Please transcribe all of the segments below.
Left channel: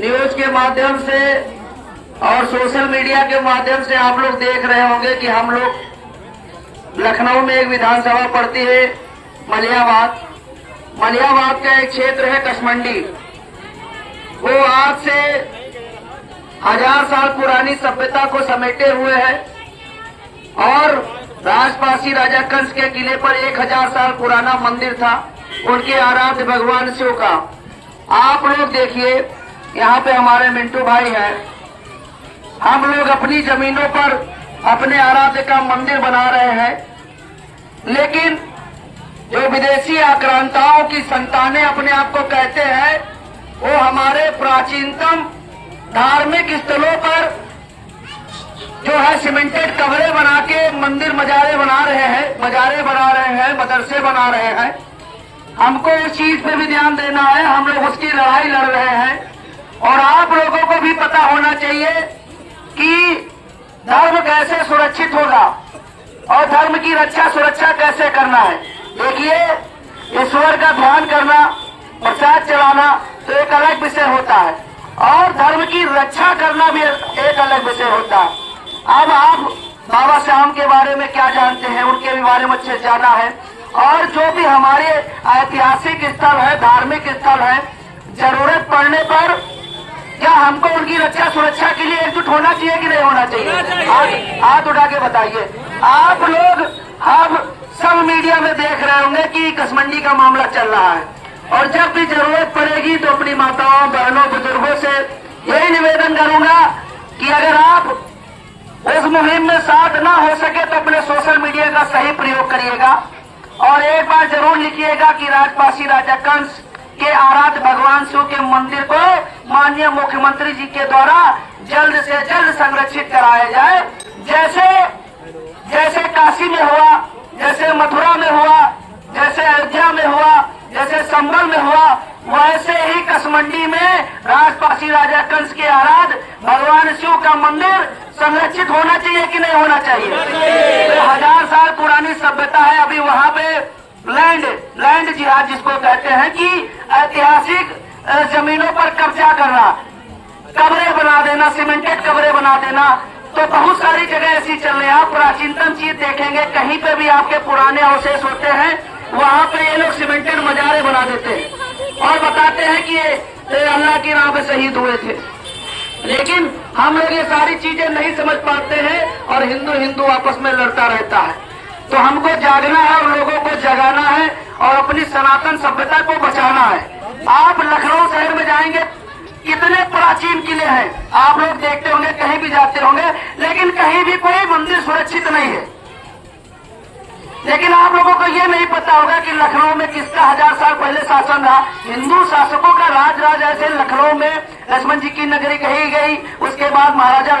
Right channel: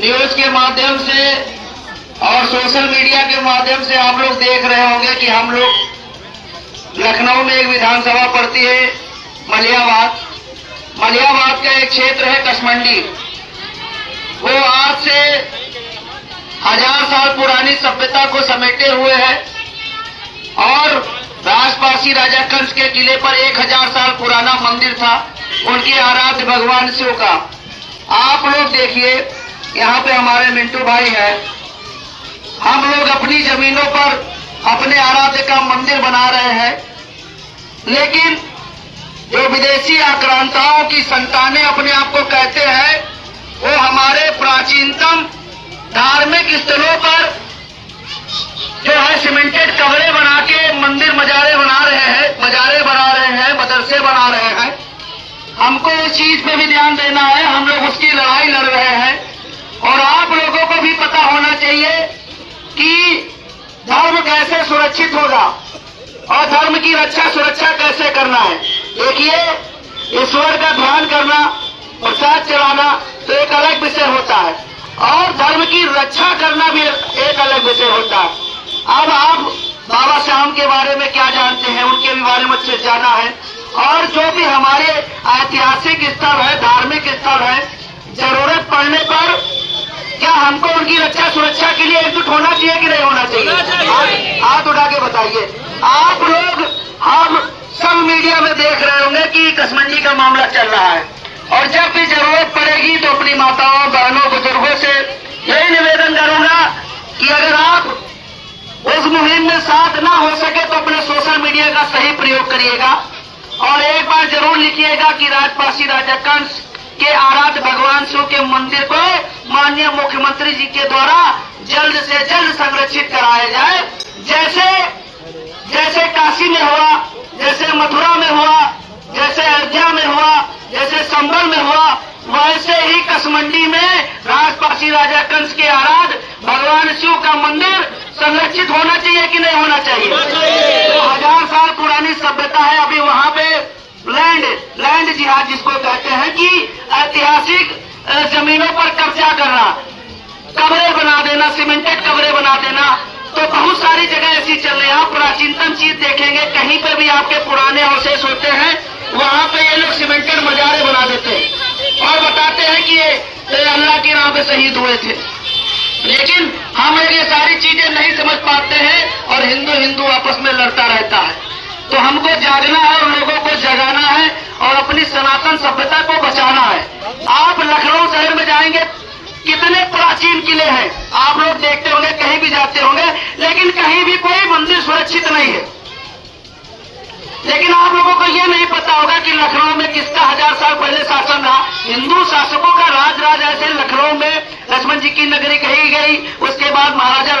News के माध्यम से और सोशल मीडिया के माध्यम से आप लोग देख रहे होंगे कि हम लोग लखनऊ में एक विधानसभा पड़ती है मलियाबाद। मलियाबाद का एक क्षेत्र है कसमंडी। वो आज से 1000 साल पुरानी सभ्यता को समेटे हुए है और राजपासी राजा कंस के किले पर 1000 साल पुराना मंदिर था उनके आराध्य भगवान शिव का। आप लोग देखिए, यहाँ पे हमारे मिंटू भाई हैं। हम लोग अपनी जमीनों पर अपने आराध्य का मंदिर बना रहे हैं, लेकिन जो विदेशी आक्रांताओं की संतानें अपने आप को कहते हैं, वो हमारे प्राचीनतम धार्मिक स्थलों पर जो है सीमेंटेड कमरे बना के मंदिर मजारे बना रहे हैं, मदरसे बना रहे हैं। हमको उस चीज पे भी ध्यान देना है। हम लोग उसकी लड़ाई लड़ रहे हैं और आप लोगों को भी पता होना चाहिए कि धर्म कैसे सुरक्षित होगा और धर्म की रक्षा सुरक्षा कैसे करना है। देखिए, ईश्वर का ध्यान करना, प्रसाद चलाना तो एक अलग विषय होता है और धर्म की रक्षा करना भी एक अलग विषय होता है। अब आप बाबा श्याम के बारे में क्या जानते हैं, उनके भी बारे में अच्छे जाना है। और जो भी हमारे ऐतिहासिक स्थल है, धार्मिक स्थल है, जरूरत पड़ने पर क्या हमको उनकी रक्षा सुरक्षा के लिए एकजुट होना चाहिए कि नहीं होना चाहिए? हाथ उठा के बताइए। आप लोग हम सब मीडिया में देख रहे होंगे कि कसमंडी का मामला चल रहा है और जब भी जरूरत पड़ेगी तो अपनी माताओं, बहनों, बुजुर्गों से यही निवेदन करूंगा कि अगर आप उस मुहिम में साथ ना हो सके तो अपने सोशल मीडिया का सही प्रयोग करिएगा और एक बार जरूर लिखिएगा कि राजपासी राजा कंस के आराध्य भगवान शिव के मंदिर को माननीय मुख्यमंत्री जी के द्वारा जल्द से जल्द संरक्षित कराया जाए। जैसे काशी में हुआ, जैसे मथुरा में हुआ, जैसे अयोध्या में हुआ, जैसे संभल में हुआ, वैसे ही कसमंडी में राजपासी राजा कंस के आराध्य भगवान शिव का मंदिर संरक्षित होना चाहिए कि नहीं होना चाहिए? तो 1000 साल पुरानी सभ्यता है। अभी वहाँ पे लैंड जिहाद जिसको कहते हैं कि ऐतिहासिक जमीनों पर कब्जा करना, कब्रें बना देना, सीमेंटेड कब्रें बना देना, तो बहुत सारी जगह ऐसी चल रही है। आप प्राचीनतम चीज देखेंगे, कहीं पे भी आपके पुराने अवशेष होते हैं, वहाँ पे ये लोग सीमेंटेड मजारे बना देते हैं और बताते हैं कि ये अल्लाह के नाम पे शहीद हुए थे। लेकिन हम लोग ये सारी चीजें नहीं समझ पाते हैं और हिंदू आपस में लड़ता रहता है। तो हमको जागना है और लोगों को जगाना है और अपनी सनातन सभ्यता को बचाना है। आप लखनऊ शहर में जाएंगे, कितने प्राचीन किले हैं, आप लोग देखते होंगे, कहीं भी जाते होंगे, लेकिन कहीं भी कोई मंदिर सुरक्षित नहीं है। लेकिन आप लोगों को ये नहीं पता होगा कि लखनऊ में किसका 1000 साल पहले शासन रहा। हिंदू शासकों का राज ऐसे लखनऊ में लक्ष्मण जी की नगरी कही गई, उसके बाद महाराजा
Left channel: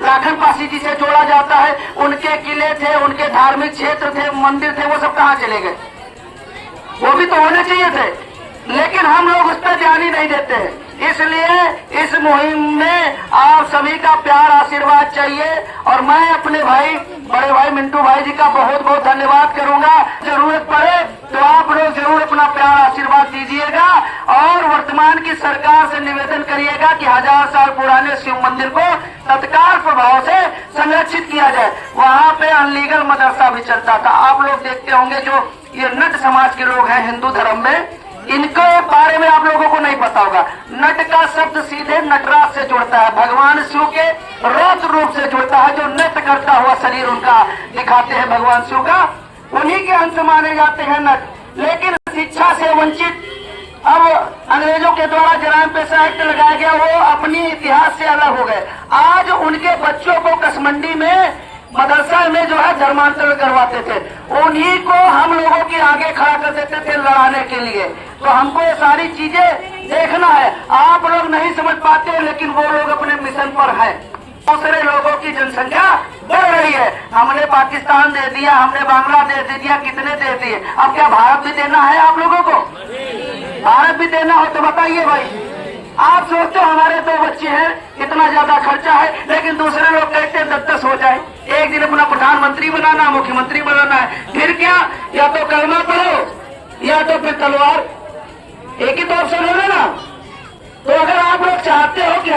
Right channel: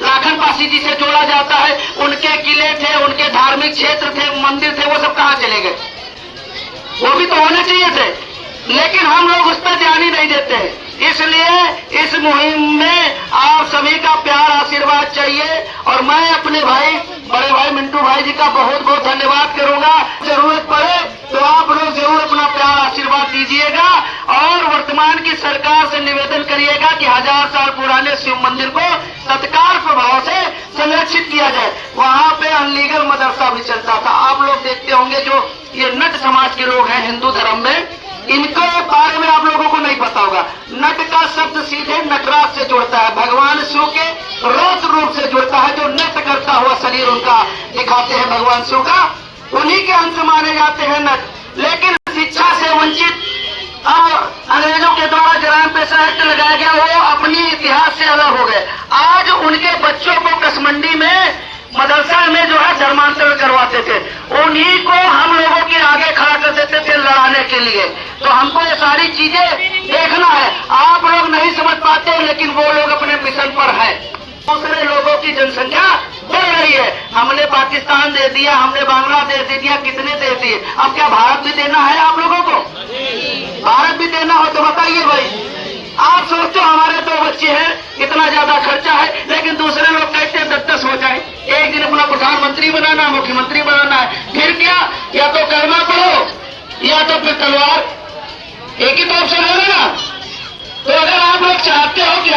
लाखन पासी जी से जोड़ा जाता है। उनके किले थे, उनके धार्मिक क्षेत्र थे, मंदिर थे, वो सब कहाँ चले गए? वो भी तो होने चाहिए थे, लेकिन हम लोग उस पर ध्यान ही नहीं देते हैं। इसलिए इस मुहिम में आप सभी का प्यार आशीर्वाद चाहिए और मैं अपने भाई, बड़े भाई मिंटू भाई जी का बहुत बहुत धन्यवाद करूंगा। जरूरत पड़े तो आप लोग जरूर अपना प्यार आशीर्वाद दीजिएगा और वर्तमान की सरकार से निवेदन करिएगा कि 1000 साल पुराने शिव मंदिर को तत्काल प्रभाव से संरक्षित किया जाए। वहाँ पे अनलीगल मदरसा भी चलता था। आप लोग देखते होंगे, जो ये नट समाज के लोग हैं हिंदू धर्म में, इनके बारे में आप लोगों को नहीं पता होगा। नट का शब्द सीधे नटराज से जुड़ता है, भगवान शिव के रौद्र रूप से जुड़ता है। जो नृत्य करता हुआ शरीर उनका दिखाते हैं भगवान शिव का, उन्हीं के अंश माने जाते हैं नट। लेकिन शिक्षा से वंचित अब अंग्रेजों के द्वारा जराइम पेशा एक्ट लगाया गया, वो अपनी इतिहास से अलग हो गए। आज उनके बच्चों को कसमंडी में मदरसा में जो है धर्मांतरण करवाते थे, उन्हीं को हम लोगों के आगे खड़ा कर देते थे लड़ाने के लिए। तो हमको ये सारी चीजें देखना है। आप लोग नहीं समझ पाते, लेकिन वो लोग अपने मिशन पर है। दूसरे लोगों की जनसंख्या बढ़ रही है। हमने पाकिस्तान दे दिया, हमने बांग्लादेश दे दिया, कितने दे दिए, अब क्या भारत भी देना है आप लोगों को? भारत भी देना हो तो बताइए भाई। आप सोचते हो हमारे 2 बच्चे हैं, इतना ज्यादा खर्चा है, लेकिन दूसरे लोग कहते हैं 10-10 हो जाए। एक दिन अपना प्रधानमंत्री बनाना, मुख्यमंत्री बनाना है, फिर क्या? या तो कर्मा करो या तो फिर तलवार, एक ही तो ऑप्शन होगा ना। तो अगर आप लोग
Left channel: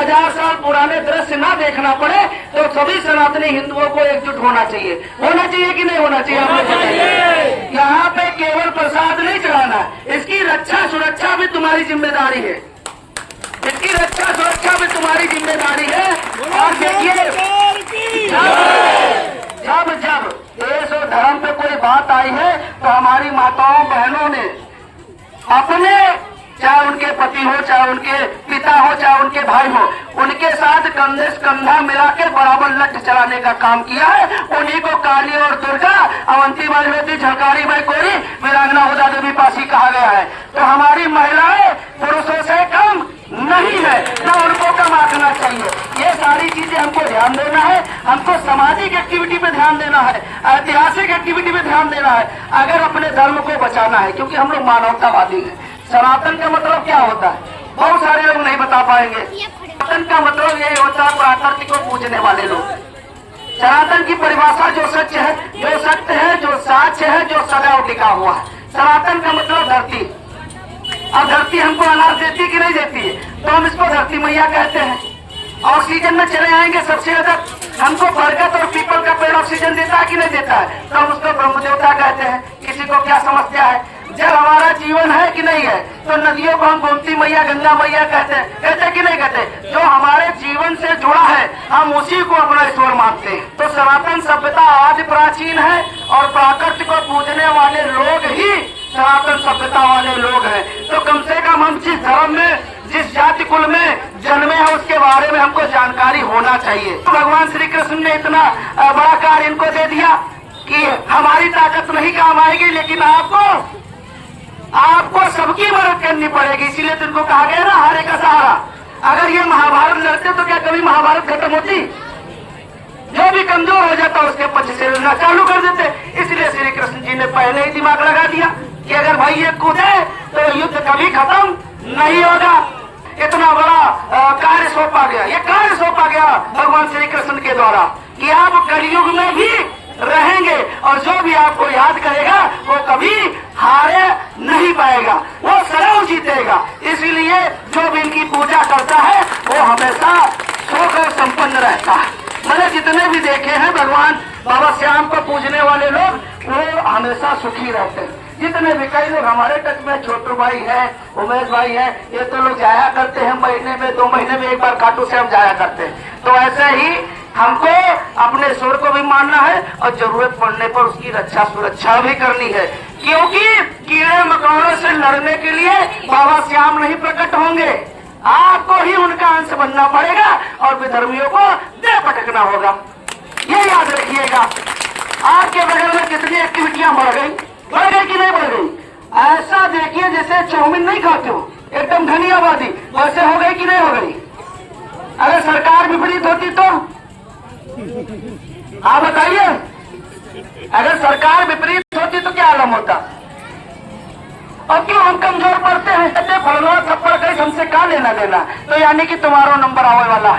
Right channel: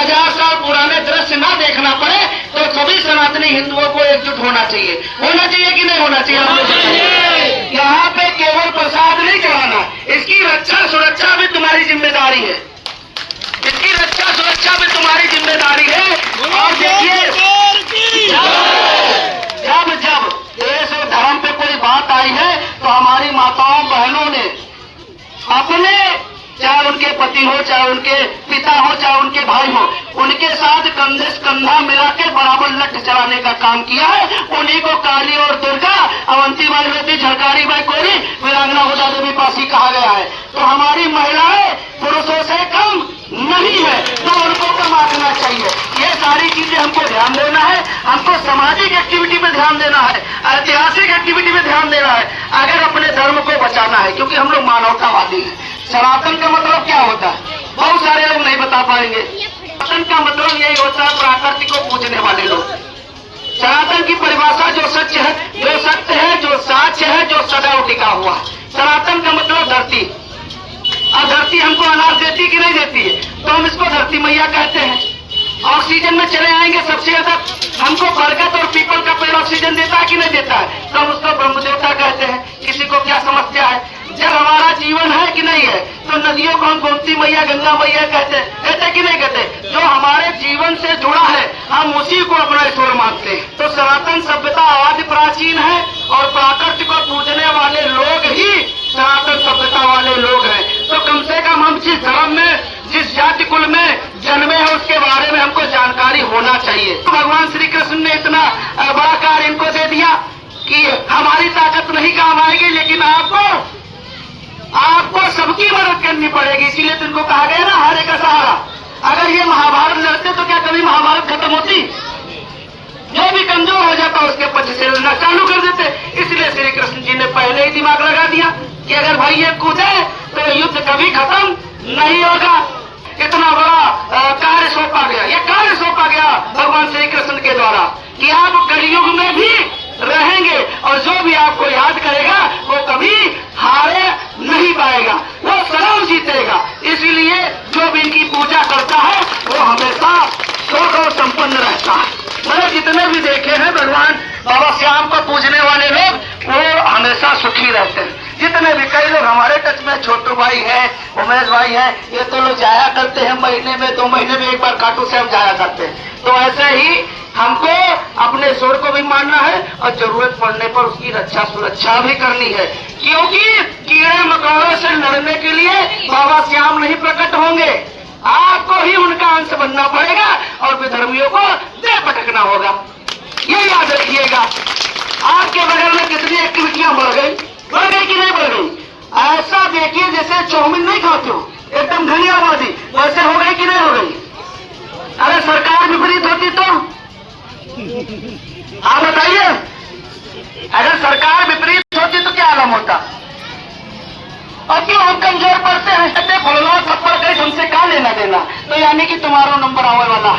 1000 साल पुराने दृश्य ना देखना पड़े, तो सभी सनातनी हिंदुओं को एकजुट होना चाहिए कि नहीं होना चाहिए? आप लोग बताइए। यहाँ पे केवल प्रसाद नहीं चढ़ाना, इसकी रक्षा सुरक्षा भी तुम्हारी जिम्मेदारी है, इसकी रक्षा सुरक्षा भी तुम्हारी जिम्मेदारी है। और देखिए, जब देश और धर्म पे कोई बात आई है तो हमारी माताओं बहनों ने अपने, चाहे उनके पति हो, चाहे उनके पिता हो, चाहे उनके भाई हो, उनके साथ कंधे से कंधा मिला के बराबर लठ चलाने का काम किया है। उन्हीं को काली और दुर्गा, अवंती मालवेती, झलकारी बाई कोरी, वीरांगना हुदा देवी पासी कहा गया है। तो हमारी महिलाएं पुरुषों से कम नहीं है, ना उनको कम आंकना चाहिए। ये सारी चीजें हमको ध्यान देना है, हमको सामाजिक एक्टिविटी पे ध्यान देना है, ऐतिहासिक एक्टिविटी पे ध्यान देना है, अगर अपने धर्म को बचाना है, क्योंकि हम लोग मानवतावादी हैं। सनातन का मतलब क्या होता है? बहुत सारे लोग नहीं बता पाएंगे। सनातन का मतलब यही होता है प्रकृति को पूजने वाले लोग। सनातन की परिभाषा जो सच है, जो सत्य है, जो साच है, जो सदैव टिका हुआ है। सनातन का मतलब धरती। और धरती हमको अनाज देती कि नहीं देती है, तो हम इसको धरती मैया कहते हैं। ऑक्सीजन में चले आएंगे, सबसे ज्यादा हमको बरगद और पीपल का पेड़ ऑक्सीजन देता है कि नहीं देता है, तो हम उसको ब्रह्म देवता कहते हैं। किसी को क्या समस्या है? जल हमारा जीवन है कि नहीं है, तो नदियों को हम गोमती मैया, गंगा मैया कहते कि नहीं कहते? जो हमारे जीवन से जुड़ा है, हम उसी को अपना ईश्वर मानते हैं। तो सनातन सभ्यता आदि प्राचीन है, और प्रकृति को पूजने वाले लोग ही सनातन सभ्यता वाले लोग हैं। तो कम से कम हम जिस धर्म में, जिस जाति कुल में जन्मे हैं, उसके बारे में हमको जानकारी होना चाहिए। तो भगवान श्री कृष्ण ने इतना बड़ा कार्य इनको दे दिया कि हमारी ताकत नहीं काम आएगी, लेकिन आपको सबकी मदद करनी पड़ेगी। इसीलिए तो इनको कहा गया ना, हारे का सहारा। अगर ये महाभारत लड़ते तो क्या कभी महाभारत खत्म होती? जो भी कमजोर हो जाता उसके पीछे से लड़ना चालू कर देते। इसलिए श्री कृष्ण जी ने पहले ही दिमाग लगा दिया कि अगर भाई ये कूदे तो युद्ध कभी खत्म नहीं होगा। इतना बड़ा कार्य सौंपा गया, ये कार्य सौंपा गया भगवान श्री कृष्ण के द्वारा कि आप कलयुग में भी रहेंगे, और जो भी आपको याद करेगा वो कभी हारे नहीं पाएगा, वो सदैव जीतेगा। इसीलिए जो भी इनकी पूजा करता है वो हमेशा सुख और संपन्न रहता है। मैंने जितने भी देखे हैं भगवान बाबा श्याम को पूजने वाले लोग, वो हमेशा सुखी रहते हैं। जितने भी, कई लोग हमारे टच में, छोटू भाई है, उमेश भाई है, ये तो लोग जाया करते हैं महीने में, 2 महीने में एक बार खाटू श्याम जाया करते हैं। तो ऐसे ही हमको अपने ईश्वर को भी मानना है, और जरूरत पड़ने पर उसकी रक्षा सुरक्षा भी करनी है, क्योंकि कीड़े मकोड़ों से लड़ने के लिए बाबा श्याम नहीं प्रकट होंगे। आपको ही उनका अंश बनना पड़ेगा, और विधर्मियों को दे पटकना होगा। ये याद रखिएगा। आपके बगल में कितनी एक्टिविटियां बढ़ गई कि नहीं बढ़ गई? ऐसा देखिए जैसे चाउमीन नहीं खाते हो, एकदम धनियावादी, वैसे हो गई कि नहीं हो गई? अरे सरकार विपरीत होती तो आप बताइए, अगर सरकार विपरीत होती तो क्या आलम होता? और क्यों हम कमजोर पड़ते हैं? कहते फलना थप्पड़ गई, हमसे क्या लेना देना, तो यानी कि तुम्हारा नंबर आने वाला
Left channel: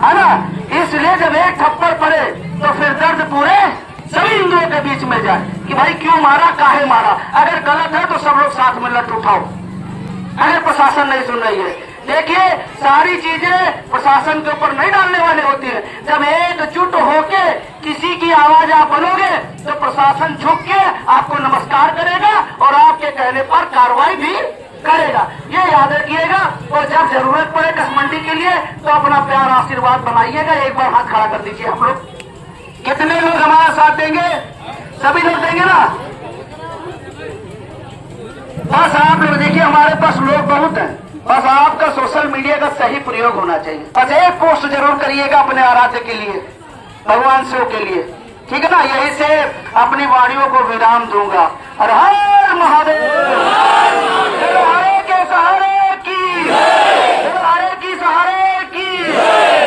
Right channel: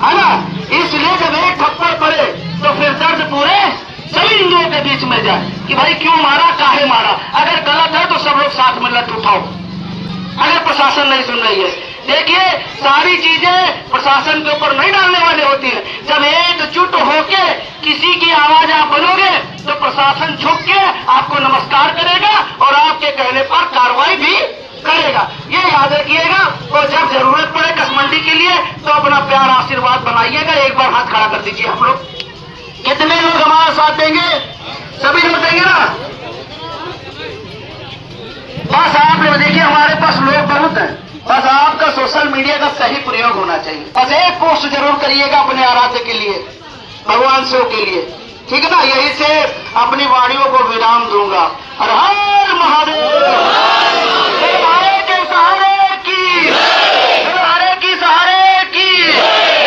है ना। इसलिए जब एक थप्पड़ पड़े तो फिर दर्द पूरे सभी हिंदुओं के बीच में जाए कि भाई क्यों मारा, काहे मारा। अगर गलत है तो सब लोग साथ में लट उठाओ, अगर प्रशासन नहीं सुन रही है। देखिए, सारी चीजें प्रशासन के ऊपर नहीं डालने वाले होती है। जब एकजुट होके किसी की आवाज आप बनोगे तो प्रशासन झुक के आपको नमस्कार करेगा और आपके कहने पर कार्रवाई भी करेगा। ये याद रखिएगा। और जब जरूरत पड़े कसमंडी के लिए तो अपना प्यार आशीर्वाद बनाइएगा। एक बार हाथ खड़ा कर दीजिए। हम लोग कितने लोग हमारा साथ देंगे? सभी लोग देंगे ना? बस आप लोग देखिए, हमारे पास लोग बहुत हैं, बस आपका सोशल मीडिया का सही प्रयोग होना चाहिए। बस एक पोस्ट जरूर करिएगा अपने आराध्य के लिए, भगवान शिव के लिए, ठीक है ना। यही से अपनी वाणियों को विराम दूंगा। हर हर महादेव। हरे के सहारे की, हरे की सहारे की,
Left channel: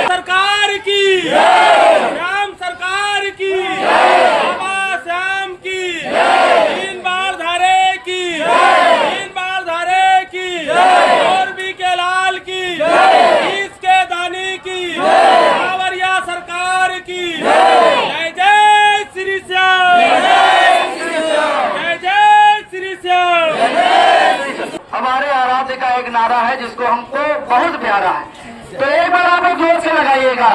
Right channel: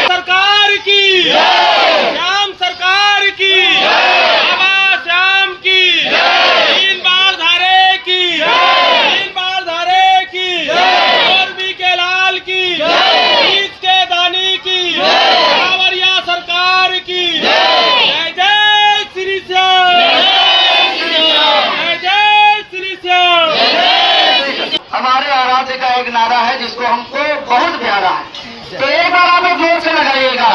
सरकार की, श्याम सरकार की, बाबा श्याम की, 3 बार धारे की, 3 बार धारे की, और भी के लाल की, बीच के दानी की, कांवरिया सरकार की। जय जय श्री श्याम, जय जय श्री श्याम। हमारे आराध्य का एक नारा है जिसको हमको बहुत प्यारा है। तो एक बार आप जोर से लगाइएगा।